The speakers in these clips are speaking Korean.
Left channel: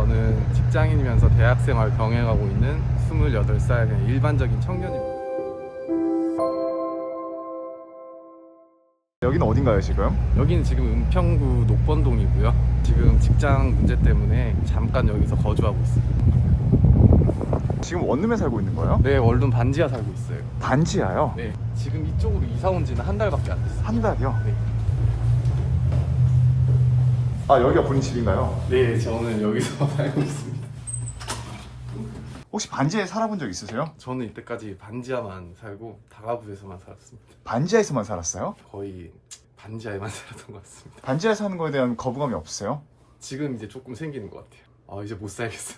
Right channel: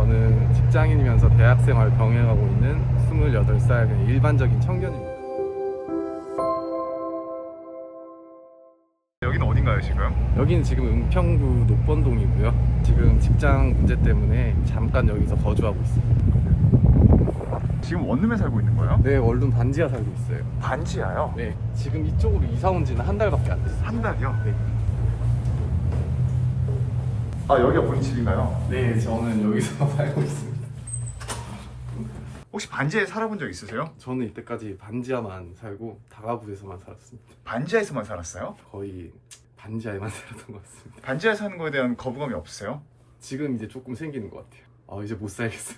저는 직장인이면서 대학생활 병행하고 있는 28살 그냥 일반적인 청년입니다. 여기는 어딘가요 지금? 여기는 지금 은평구 녹번동이고요. 지금 직장 문제 때문에 잠깐 여기서 거주하고 있어요. 지금 원룸에 살고 있는 거예요? 네, 원룸 반지하 살고 있어요. 반지하요? 네, 지금 이쪽으로 이사 온 지는 한 달밖에 안 됐어요. 한 달이요? 네. 아 여기가 본인 집인가요? 네, 저는 여기서 살고 있습니다. 혹시 반지하에 살아본 적 있으세요? 저는 이때까지 반지하만 살고 다가구에서만 살았습니다. 반지하에서만 살았어요? 거의 반지하에만 살았던 것 같습니다. 반지하에 사는 거에 대한 거부감이 없으세요? 지금 이제 조금 생기는 것 같아요. 아, 이제 못 살겠어요.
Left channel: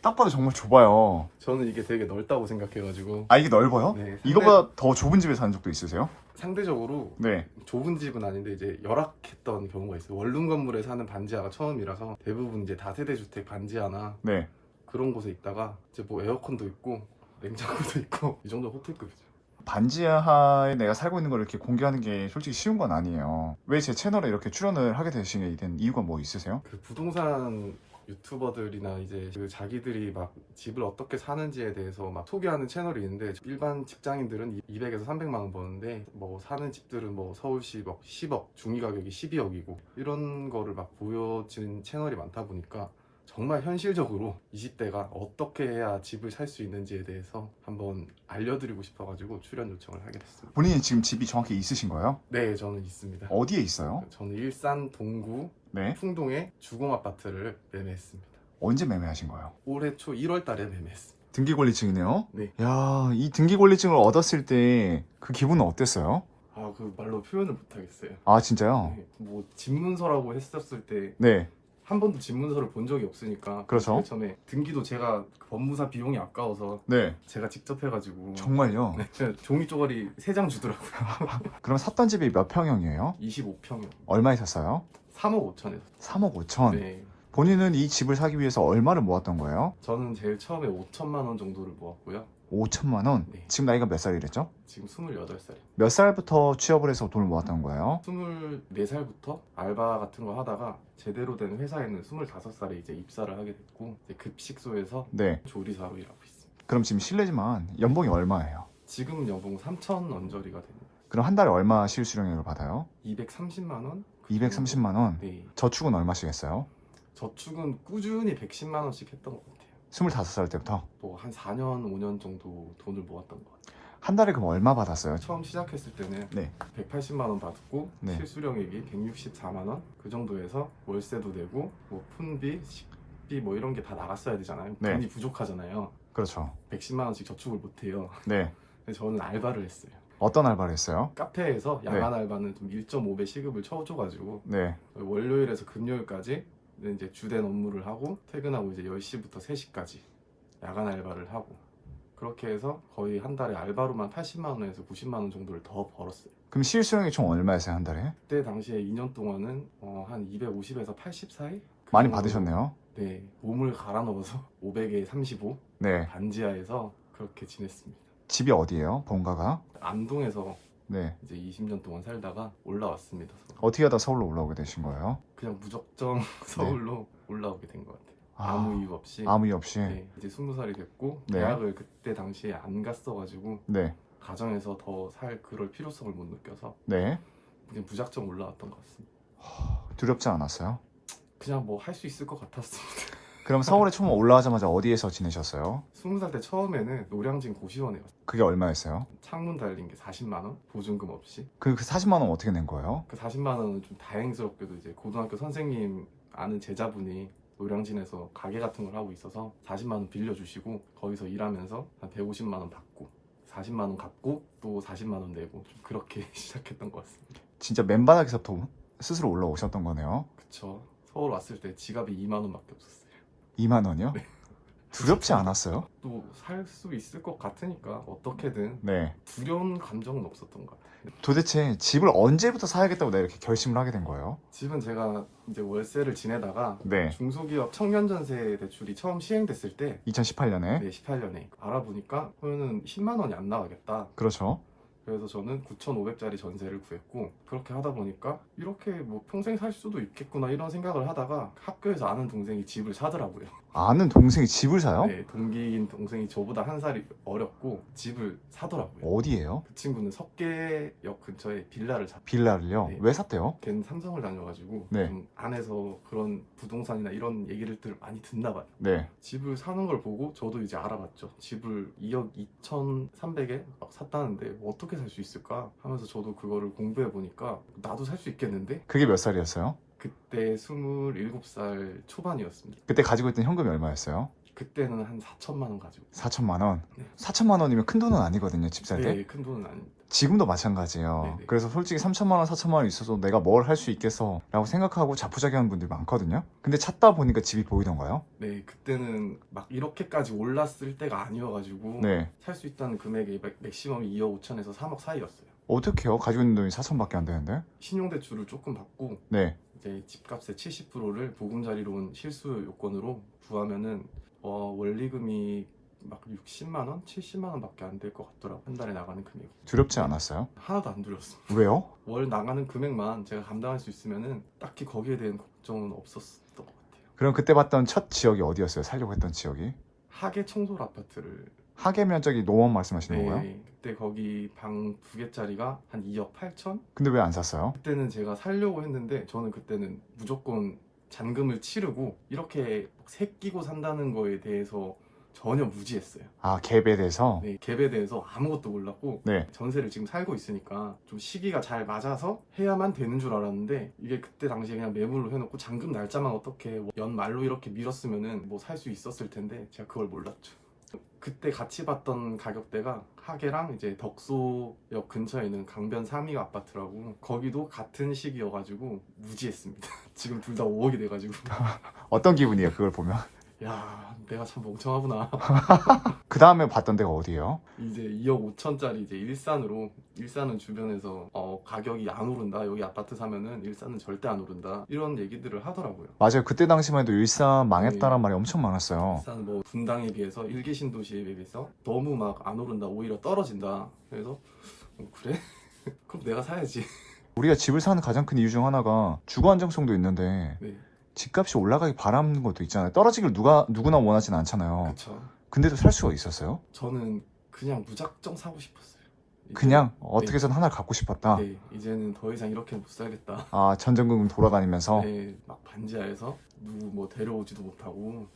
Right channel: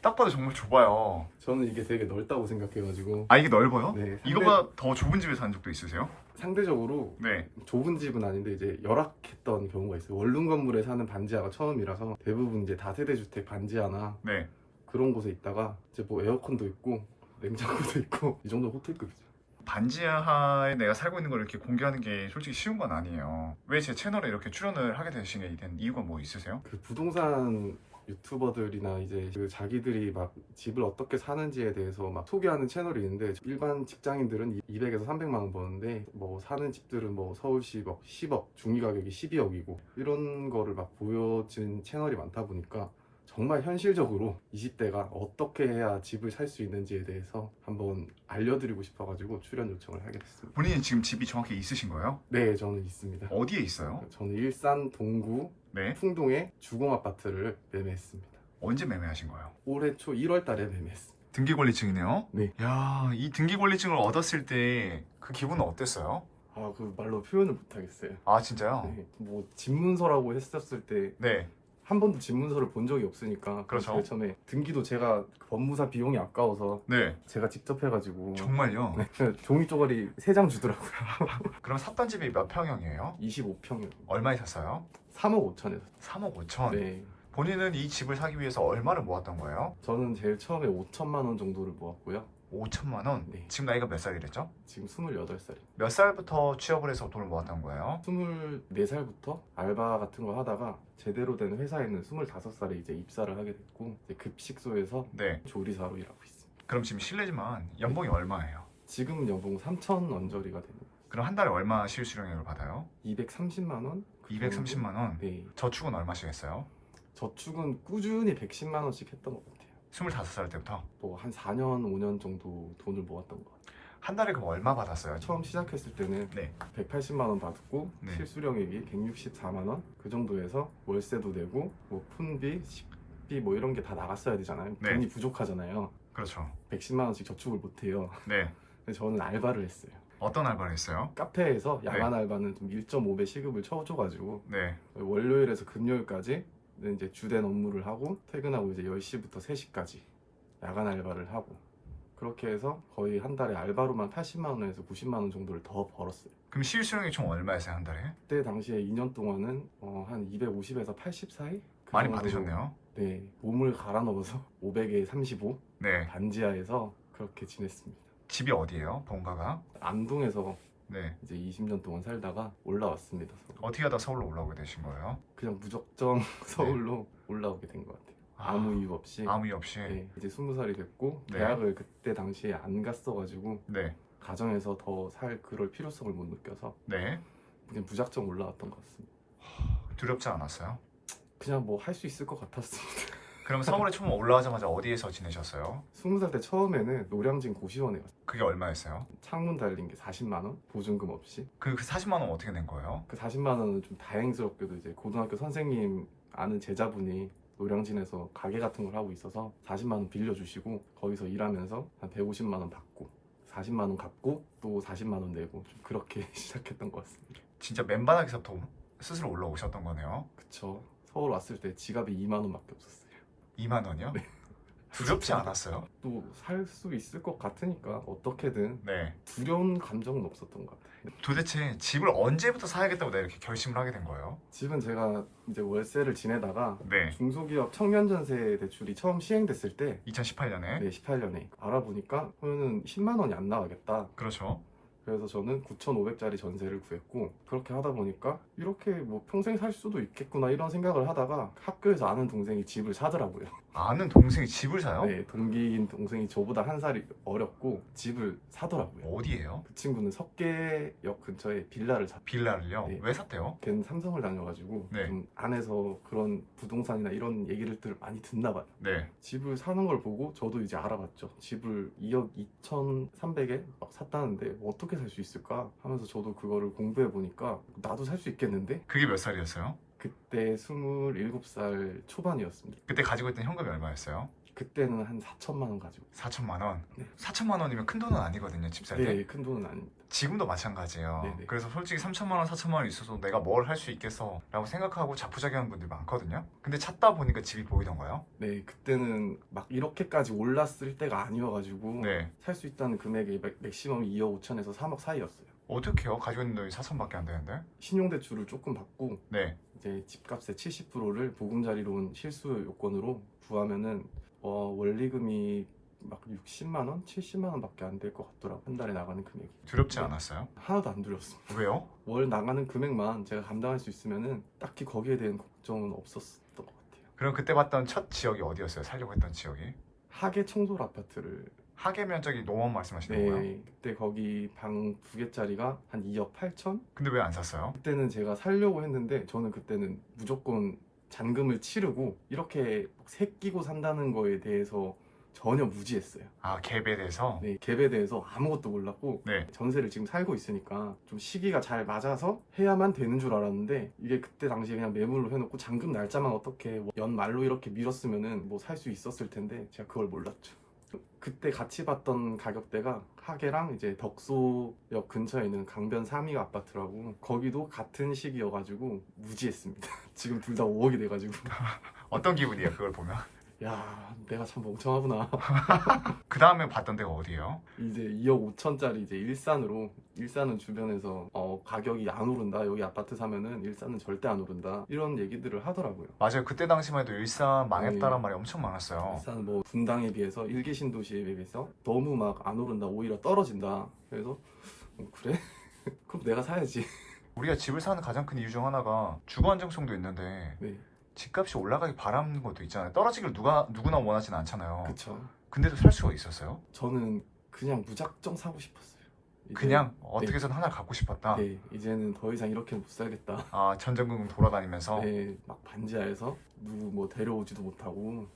딱 봐도 정말 좁아요. 저는 이게 되게 넓다고 생각해가지고. 아 이게 넓어요? 네, 이거보다 더 좁은 집에 사는 적도 있으세요? 상대적으로 네. 좁은 집은 아닌데 이제 열악했던 경우가 있어요. 원룸 건물에 사는 반지하가 처음이라서 대부분 이제 다세대주택 반지하나 네. 그런 곳에 있다가 이제 뭐 에어컨도 있고 냉장고도 있고 이 정도 호텔급이죠. 반지하에 내가 살고 있는 걸 이렇게 공개하는 게 솔직히 쉬운 건 아니에요. 왜 제 채널에 이렇게 출연을 하게 되시게 된 이유가 뭐 있으세요? 그 부동산 유튜버들이나 이제 그 자기들이 막 집을 어떻게 사는지에 대해서 막 소개하는 채널이 있는데, 일반 직장인들은 200에서 300만 원 버는데 뭐 사는 집들은 뭐 서울시 막 10억, 중위 가격이 12억이고 이런 거를 막 보여진 채널이 많다 보니까 정말 현실적으로 20대가 어떻게 해야 집을 살 수 있는지에 대해서 한번 알려드리고 싶어가지고 출연 요청을 하게 됐습니다. 본인이 지금 집이 정확히 있으신 거예요? 네, 저는 있습니다. 어디에 있어요? 저는 일산 동구 네. 풍동에 주공 아파트를 매매했습니다. 언제 매매하신 거예요? 올해 초 1월 달에 매매했습니다. 등기권리증이네요? 네. 야, 이 등기권리증을 얻었을 때 그 기분은 어땠어요? 아, 그 말로 표현을 못 하겠어요. 아, 진짜요? 네, 뭐 집문서라고 했었을 때 네. 한 번도 집문서를 본 적이 없으니까 그렇죠. 제일 처음에 등기도 제가 그 법무사 비용이 아까워서 네. 제가 직접 해가지고 정말요? 네, 종이 쪼가리 3장 주더라고요. 그럼 샀던 집이 몇 평형이에요? 25평이요. 얼마에 샀어요? 3억 5천에서. 3억 5천. 네. 본인은 이 집을 사기 위해서 얼마를 모았던 거예요? 저는 제일 처음에 5천만 원 정도를 모았고요. 5천만 원? 네. 지금 나이가 몇 살이랬죠? 지금 28살이에요. 몇 살부터 취업을 해서 돈을 모았던 거예요? 24살부터 알바 같은 거 하다가 제대로 된 회사에는 25살에 이제 입사를 하게 됐고, 이제 급식소에서 네. 조리사로 일하고 있습니다. 그럼 지금 실례지만 연봉이 얼마예요? 지금 연봉 3천 언저리가 됩니다. 그럼 한 달에 얼마 실수령액을 받아요? 230만 원? 230만 원? 네. 저축은 얼마씩 했어요? 저축은 꾸준히 110만 원씩 했던 것 같아요. 25살 때부터? 뭐 한 4년, 5년 정도 돈을 모았던 것 같아요. 한 달에 그럼 얼마 받았어요? 처음 시작했을 때는 네. 180만 원 받고 네. 실수령액이 164만 원? 그 정도에서 월세도 내고 뭐 푼비, 식비 뭐 이런 게 다 나갔어야 되잖아요. 네. 돈이 부족하잖아요. 그렇죠. 110만 원씩 저축을 못 해요. 네. 근데 저는 알바를 했어요. 어떤 알바를 했어요? 카페에서 야간 알바는 좀 1.5배 시급을 쳐줘가지고 네. 월요일에서 금요일까지 이제 주된 업무를 하고 퇴근하고 이제 10시부터 3시까지 야간 알바를 하고, 그렇게 해서 거의 한 달에 알바로만 80만 원에서 90만 원 정도를 더 벌었어요. 그럼 실수령액 총 얼마였어요 한 달에? 그때 당시에 2년 동안은 한 250에서 80 사이? 그 많이 정도로, 받으셨네요. 네, 몸을 갈아 넣어서 500에 35 네. 반지하에서 그렇게 지냈습니다. 집이 어디예요? 본가가? 안동에서 네. 이제 20년 동안 살다가 올라왔습니다. 서울. 어떻게 하다 서울로 올라오게 되신 거예요? 그냥 무작정 서울로 올라오게 된 것 같아요. 아무 이유 없이. 아무 이유 없이? 네, 이제 20살이 됐고 네. 대학을 그때 당시에 안 갔어가지고 네. 가정에서 더 살 그럴 필요성을 못 느껴서 네. 그냥 무작정 올라왔던 것 같습니다. 두렵지 않았어요? 그냥 뭐 할 수 있을 것 같았습니다. 그럼 서울에 처음 올라가자마자 어디에서 지내셨어요? 20살 때 처음에는 노량진 고시원에 갔어요. 그게 얼마였어요? 창문 달린 게 40만 원, 보증금 없이. 그 40만 원 어떻게 낸 거예요? 그 40만 원은 좀 다행스럽게도 이제 고등학교 선생님 아는 제자분이 노량진에서 가게 같은 걸 하고 있어서 40만 원 빌려주시고 거기서 일하면서 한 150만 원 받고 40만 원 갚고 또 40만 원 내고 좀 그렇게 시작했던 것 같습니다. 진짜 맨바닥에서부터 스스로 올라오셨던 거네요. 그쵸. 서울 왔을 때 지갑이 2만 원밖에 없었어요. 2만 원이요? 네. 두렵지 않았어요? 또 살 수 있을 것 같으니까 어떻게든 네. 두려운 감정은 없었던 것 같아요. 도대체 집을 언제부터 사야겠다고 내가 이렇게 결심을 하게 된 거예요? 집은 제가 이제 월세를 지내다가 네. 중소기업 청년전세 대출이 처음 시행됐을 때 2018년에? 네, 18년에 알아보니까 그러면은 10만 원이 안 나가겠다. 그렇죠. 그래서 저는 9,500짜리 전세를 구했고, 그렇게 하다 보니까 이렇게 뭐 평생 살 수도 있겠구나 이런 생각을 하다가 학교에서 아는 동생이 집을 사더라고요. 아는 동생이 집을 사요? 네, 동기인 동생이 저보다 한 살이 어렸고 집을 사더라고요. 어디예요? 그 친구는 석계역 근처에 빌라를 샀. 빌라를요? 네. 왜 샀대요? 걔는 삼성을 다녀가지고 네. 좀 안에서 그런 부동산이나 이런 얘기를 많이 듣나 봐요. 네. 집을 사는 걸 보고 저도 이제 알아봤죠. 집을 2억 2,300에 막 샀다는데 어떻게 살 수 있을까 하면서 저도 그거를 공부해 보니까 나도 살 수 있겠는데? 그게 몇 살이었어요? 그때 27살 초반이었습니다. 그때 가지고 있던 현금이 얼마였어요? 그때는 한 4천만 원 가지고. 4천만 원? 네. 4천만 원이면 큰 돈은 아니거든요, 집 살 때. 네, 큰 돈은 아닙니다. 지금도 마찬가지예요. 네네. 그래서 솔직히 3천만 원, 4천만 원 있어서 내가 뭘 할 수 있겠어 라고 생각하고 자포자기하는 분들이 많거든요. 근데 찾다 보니까 집이 보이던가요? 네, 그때는 막 이렇게까지 올랐을 때가 아니어가지고 네. 살 수 있다는 금액이 맥시멈이 2억 5천에서 3억 사이였어요. 어떻게 해요? 가지고 있는 돈이 4천밖에 안 되는데? 신용대출을 조금 받고 네. 이제 집값의 70%를 보금자리로 온 실수 요건으로 구하면은 원리금이 막 60만 원, 70만 원밖에 안 될 것 같더라고. 한 달에 나가는 금액이. 두렵지 네. 않았어요? 하나도 안 두려웠습니다. 왜요? 월 나가는 금액만 제가 감당할 수 있으면은 딱히 거기에 대한 걱정은 없었던 것 같아요. 그럼 그때 봤던 첫 지역이 어디였어요? 살려고 했던 지역이? 하계 청솔 아파트를. 하계 면적이 노원 말씀하시는 거예요? 네, 그때 거기 방 2개짜리가 한 2억 8천? 근데 왜 안 샀어요? 그때는 제가 살려고 했는데 저는 그때는 무조건 잔금을 치르고 이렇게 새 끼고 산다는 거에 대해서 전혀 무지했어요. 아, 갭에 대해서? 네, 갭에 대해서 아무것도 몰랐고 네. 전세를 지금 살고 있으니까 좀 시기가 잘 맞아서 해야만 되는 줄 알았는데 이게 그때 당시에 그냥 매물로 해놓고 잔금 날짜만 어떻게 연말로 이렇게 밀었으면은 뭐 살 수 있었을 텐데 제가 그걸 몰랐죠. 그때 같이 봤던 가격대가 하계랑 이제 덕소역 근처에 있는 강변 3위 아파트라고 거기도 같은 시기여가지고 무지했습니다. 지금 둘 다 5억이 돼가지고 어떤 기분이에요, 그걸 보면? 야, 내가 참 멍청하구나. 그 다음에 봤던 데가 어디예요? 이제 2억 5천짜리 이제 일산은 주변에서 가격이 안 오른다. 여기 아파트 사면은 일산은 절대 안 오른다. 이런 얘기들을 하더라고요. 맞아요. 그때 당시만 해도 일산 망했다는 네. 말이 엄청 많았어요. 일산은 뭐 분당에 비해서 1기 신도시에 비해서 너무 막 안 오른다. 오히려 떨어진다. 그래서 그래? 그럼 내가 사야지. 우리가 집을 사는 가장 큰 이유 중 하나가 주거 안정성도 있는데 네, 집값이 올라가기 바라는 것도 있잖아요. 떨어지길 누구나 원하진 않잖아요. 그쵸. 근데도 살 수가 있었어요? 저는 그냥 무작정 사고 싶었어요. 이제, 그냥 어떻게 해서든 하나를 갖고 싶었다. 네, 이제는 더 이상 이렇게는 못 살겠다. 아, 전전긍긍 돌아다니면서. 네, 막 반지하에서 누구 뭐 데려오지도 못하고.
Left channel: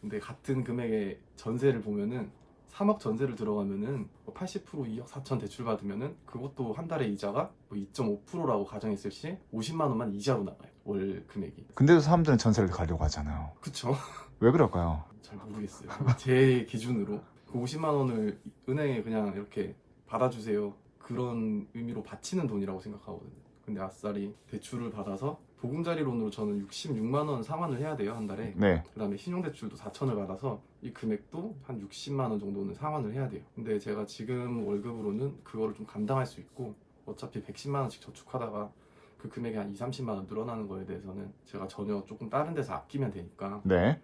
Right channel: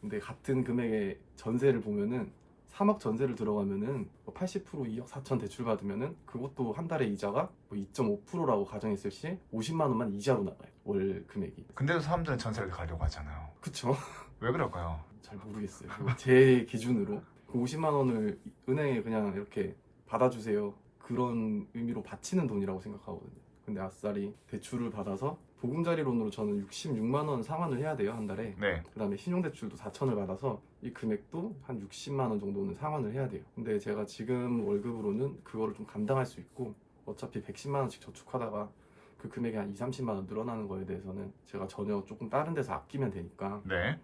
근데 같은 금액의 전세를 보면은 3억 전세를 들어가면은 80% 2억 4천 대출 받으면은 그것도 한 달에 이자가 뭐 2.5%라고 가정했을 시 50만 원만 이자로 나가요. 월 금액이. 근데도 사람들은 전세를 가려고 하잖아요. 그쵸? 왜 그럴까요? 잘 모르겠어요. 제 기준으로 그 50만 원을 은행에 그냥 이렇게 받아주세요. 그런 의미로 바치는 돈이라고 생각하거든요. 근데 아싸리 대출을 받아서 보금자리론으로 저는 66만 원 상환을 해야 돼요, 한 달에. 네. 그다음에 신용대출도 4천을 받아서 이 금액도 한 60만 원 정도는 상환을 해야 돼요. 근데 제가 지금 월급으로는 그거를 좀 감당할 수 있고 어차피 110만 원씩 저축하다가 그 금액이 한 2, 30만 원 늘어나는 거에 대해서는 제가 전혀 조금 다른 데서 아끼면 되니까. 네.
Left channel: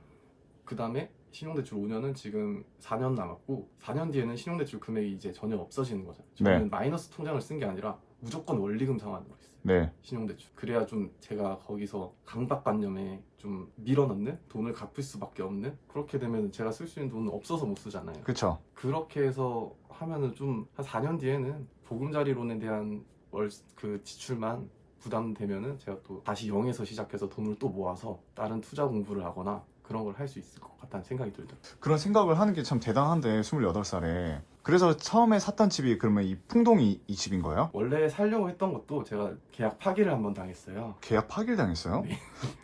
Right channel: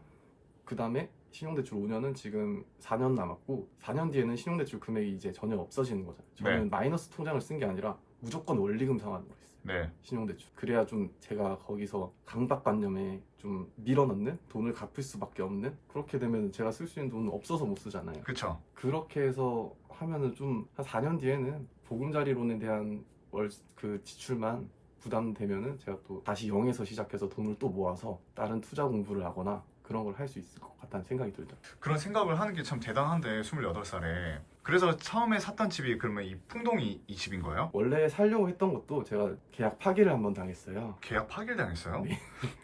그 다음에 신용대출 5년은 지금 4년 남았고 4년 뒤에는 신용대출 금액이 이제 전혀 없어지는 거잖아요. 저는 네. 마이너스 통장을 쓴 게 아니라 무조건 원리금 상환으로 했어요. 네. 신용대출. 그래야 좀 제가 거기서 강박관념에 좀 밀어넣는 돈을 갚을 수밖에 없는, 그렇게 되면 제가 쓸 수 있는 돈은 없어서 못 쓰잖아요. 그쵸. 그렇게 해서 하면은 좀 한 4년 뒤에는 보금자리론에 대한 그 지출만 부담되면은 제가 또 다시 0에서 시작해서 돈을 또 모아서 다른 투자 공부를 하거나 그런 걸 할 수 있을 것 같다는 생각이 들더라고요. 그런 생각을 하는 게 참 대단한데 28살에. 그래서 처음에 샀던 집이 그러면 이 풍동이 이 집인 거예요? 원래 살려고 했던 것도 제가 계약 파기를 한번 당했어요. 계약 파기를 당했어요? 네.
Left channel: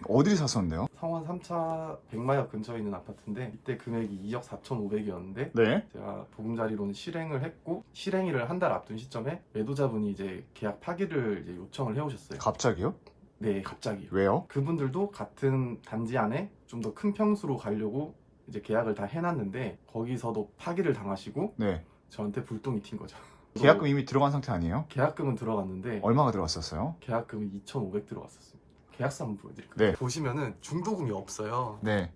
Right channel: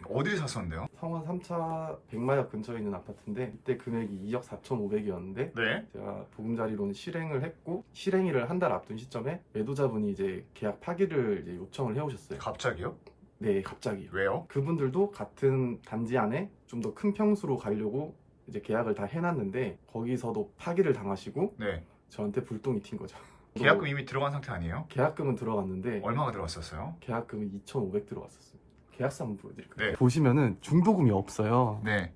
어디를 샀었는데요? 성원 3차 백마역 근처에 있는 아파트인데 이때 금액이 2억 4,500이었는데 네. 제가 보금자리론 실행을 했고 실행일을 한 달 앞둔 시점에 매도자분이 이제 계약 파기를 이제 요청을 해오셨어요. 갑자기요? 네, 갑자기요. 왜요? 그분들도 같은 단지 안에 좀 더 큰 평수로 가려고 이제 계약을 다 해놨는데 거기서도 파기를 당하시고 네. 저한테 불똥이 튄 거죠. 계약금 이미 들어간 상태 아니에요? 계약금은 들어갔는데 얼마가 들어갔었어요? 계약금은 계약금은 2,500 들어갔었습니다. 계약서 한번 보여드릴까요? 네. 보시면은 중도금이 없어요. 네.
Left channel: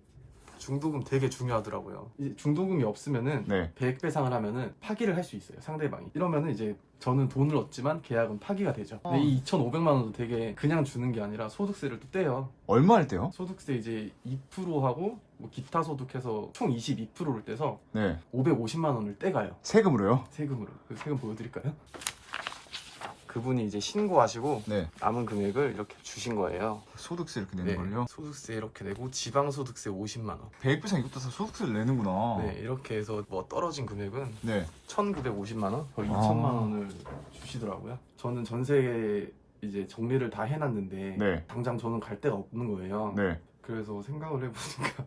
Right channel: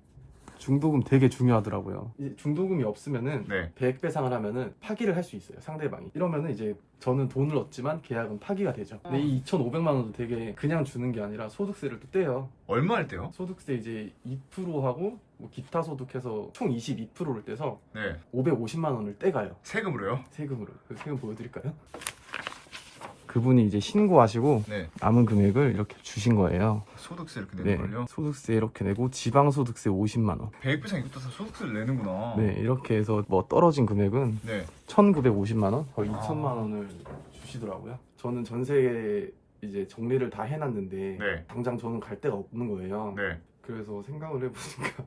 중도금 되게 중요하더라고요. 이제 중도금이 없으면은 네. 100배상을 하면은 파기를 할 수 있어요, 상대방이. 이러면은 이제 저는 돈을 얻지만 계약은 파기가 되죠. 근데 이 2,500만 원도 되게 그냥 주는 게 아니라 소득세를 또 떼요. 얼마 할 때요? 소득세 이제 2%하고 뭐 기타 소득해서 총 22%를 떼서 네. 550만 원을 떼가요. 세금으로요? 세금으로. 그 세금 보여드릴까요? 그분이 이제 신고하시고 네. 남은 금액을 이렇게 주신 거예요. 소득세 이렇게 내는 걸요? 소득세 이렇게 내고 지방소득세 50만 원. 배액부상 이것도 다 소득세를 내는구나. 네, 이렇게 해서 뭐 떨어진 금액은 네. 1,950만 원, 거의 아. 2천만 원을 주시더라고요. 저는 전세 이제 정리를 다 해놨는데 네. 당장 저는 갈 데가 없는 거예요. 네. 그래서 생각을 해보니까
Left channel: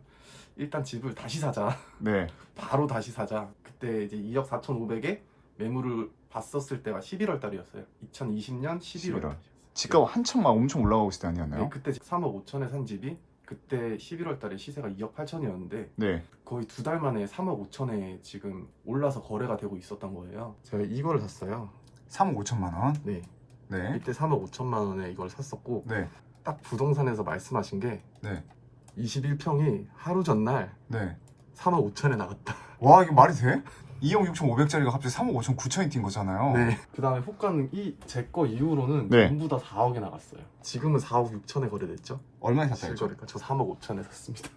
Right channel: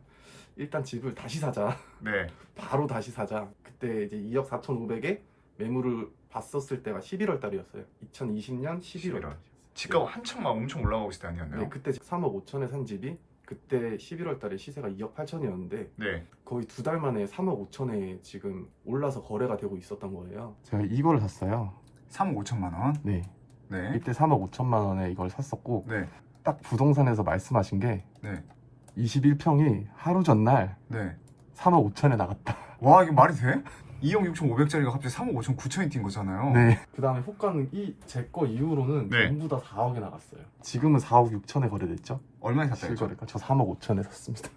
일단 집을 다시 사자. 네. 바로 다시 사자. 그때 이제 2억 4,500에 매물을 봤었을 때가 11월 달이었어요. 2020년 11월 달이었어요. 집값 한참 막 엄청 올라가고 있을 때 아니었나요? 네, 그때 3억 5천에 산 집이 그때 11월 달에 시세가 2억 8천이었는데 네. 거의 2달 만에 3억 5천에 지금 올라서 거래가 되고 있었던 거예요. 제가 이거를 샀어요. 3억 5천만 원. 네. 네. 이때 3억 5천만 원에 이걸 샀었고 네. 딱 부동산에서 말씀하신 게 네. 21평이 하루 전날 네. 3억 5천에 나갔다. 와, 이게 말이 돼? 2억 6,500짜리가 갑자기 3억 5천 9천이 뛴 거잖아요. 네. 그 다음에 호가는 제 거 이후로는 네. 전부 다 4억에 나갔어요. 지금은 4억 6천에 거래됐죠? 얼마에 샀다 했죠? 실거래가 저 3억 5천에 샀습니다.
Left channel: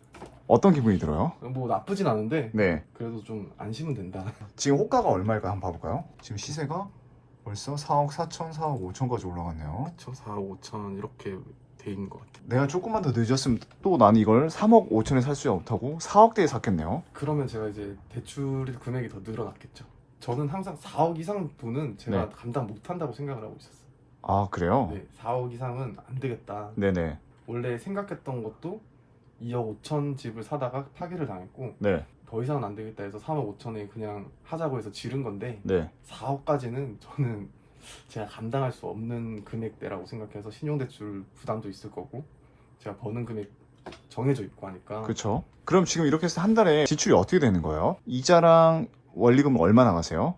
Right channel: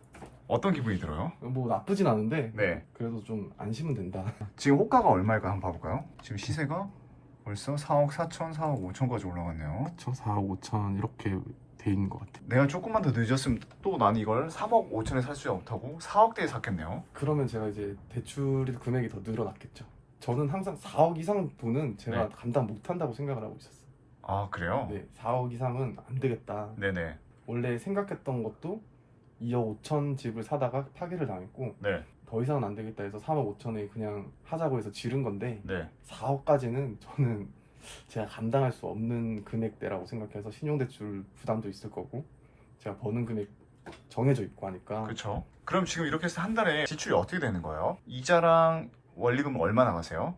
어떤 기분이 들어요? 뭐 나쁘진 않은데 네. 그래도 좀 안심은 된다. 지금 호가가 얼마일까 한번 봐볼까요? 지금 시세가 벌써 4억 4천, 4억 5천까지 올라갔네요. 저 4억 5천 이렇게 돼 있는 것 같아요. 내가 조금만 더 늦었으면 또 난 이걸 3억 5천에 살 수 없다고 4억대에 샀겠네요. 그러면 제가 이제 대출 금액이 더 늘어났겠죠. 저는 항상 4억 이상 돈은 제가 네. 감당 못한다고 생각을 하고 있었어요. 아, 그래요? 네, 4억 이상은 안 되겠다. 네네. 원래 생각했던 것도 2억 5천 집을 사다가 파기를 당했고 네. 더 이상은 안 되겠다 해서 3억 5천에 그냥 하자고 해서 지른 건데 네. 4억까지는 저는 제가 감당할 수 없는 금액대라고 생각해서 신용대출 부담도 있을 거고 제가 버는 금액 정해져 있고 하니까 그렇죠. 그럼 지금 이렇게 해서 한 달에 지출이 어떻게 되는 거예요? 이자랑 원리금은 얼마 나가세요?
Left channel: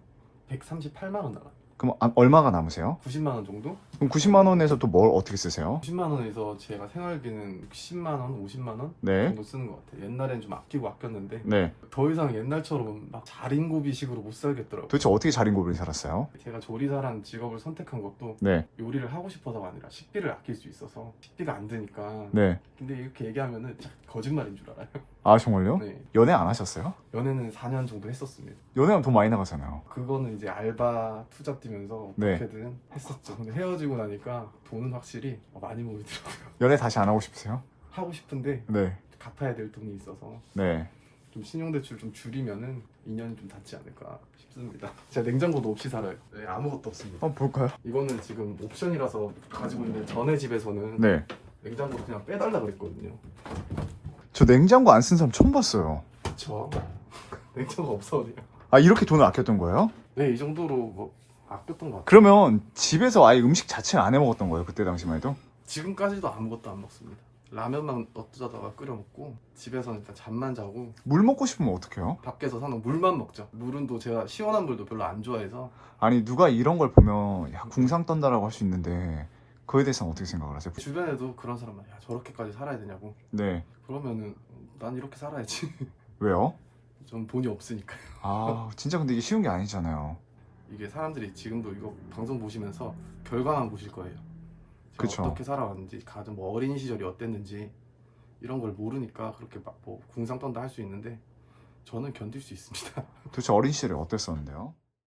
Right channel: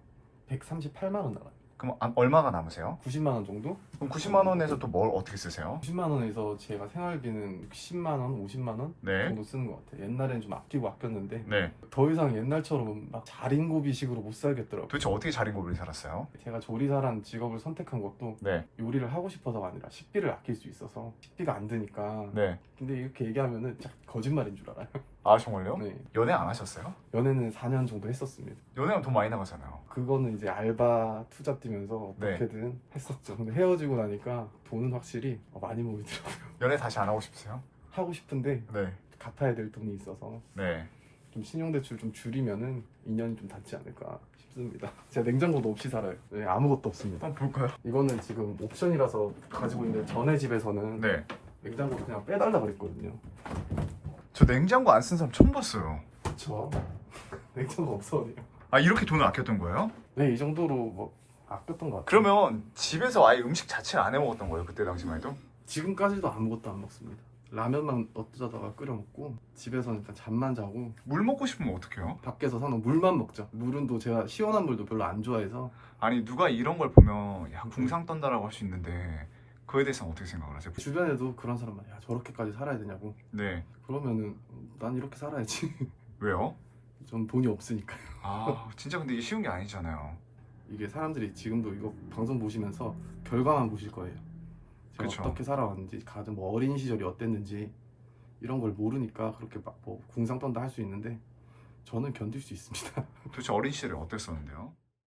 138만 원 나가요. 그럼 얼마가 남으세요? 90만 원 정도? 그럼 90만 원에서 또 뭘 어떻게 쓰세요? 90만 원에서 제가 생활비는 60만 원, 50만 원 네. 정도 쓰는 것 같아요. 옛날엔 좀 아끼고 아꼈는데 네. 더 이상 옛날처럼 막 자린고비식으로 못 살겠더라고요. 도대체 어떻게 자린고비를 살았어요? 제가 조리사라는 직업을 선택한 것도 네. 요리를 하고 싶어서가 아니라 식비를 아낄 수 있어서 식비가 안 드니까. 네. 근데 이렇게 얘기하면은 거짓말인 줄 알아요. 아, 정말요? 네. 연애 안 하셨어요? 연애는 4년 정도 했었습니다. 연애하면 돈 많이 나가잖아요. 그거는 이제 알바 투잡 뛰면서 네. 어떻게든 했었죠. 근데 헤어지고 나니까 돈은 확실히 많이 모이더라고요. 연애 다시 안 하고 싶으세요? 하고 싶은데 네. 갚아야 될 돈이 있어서 네. 좀 신용대출 좀 줄이면은 인연이 좀 닿지 않을까 싶습니다. 제가 냉장고도 없이 살아요. 네, 아무것도 없습니다. 한번 볼까요? 이거는 지금 옵션이라서 가지고 있는데 전에 집에서는 네. 냉장고를 그냥 빼달라 그랬거든요. 저 냉장고 안 쓴 사람 처음 봤어요. 그쵸. 냉장고 없어요. 아, 이렇게 돈을 아꼈던 거예요? 네, 이 정도로 뭐 아꼈던 것 같아요. 그러면 집에서 아예 음식 자체를 안 해 먹었던 거예요? 그때 당시만 해도? 지금까지도 아무것도 안 먹습니다. 라면만 어쩌다가 끓여 먹고 집에서는 일단 잠만 자고 물 먹고 싶으면 어떡해요? 밖에서 사놓은 물만 먹죠. 물은 또 제가 시원한 물도 별로 안 좋아해서 아니, 누가 이런 걸 보면 야, 궁상 떤다라고 할 수 있는데 그거에 대해서는 어떻게 생각을 하세요? 주변에도 그런 사람 야 저렇게까지 살아야 되냐고. 네. 그러면은 난 이렇게 살아야지. 왜요? 전 돈이 없으니까요. 아, 진짜 근데 이게 쉬운 게 아니잖아요. 이게 사람들이 지금도 이거 방송 보시면서 결과만 보실 거예요. 제가 그쵸. 어떻게 살아왔는지, 가정 뭐 어린 시절이 어땠는지 이런 걸 모르니까 그렇게 막 뭐 궁상 떤다 할 수 있는데 저는 견딜 수 있습니다. 도대체 어린 시절에 어땠었는데요?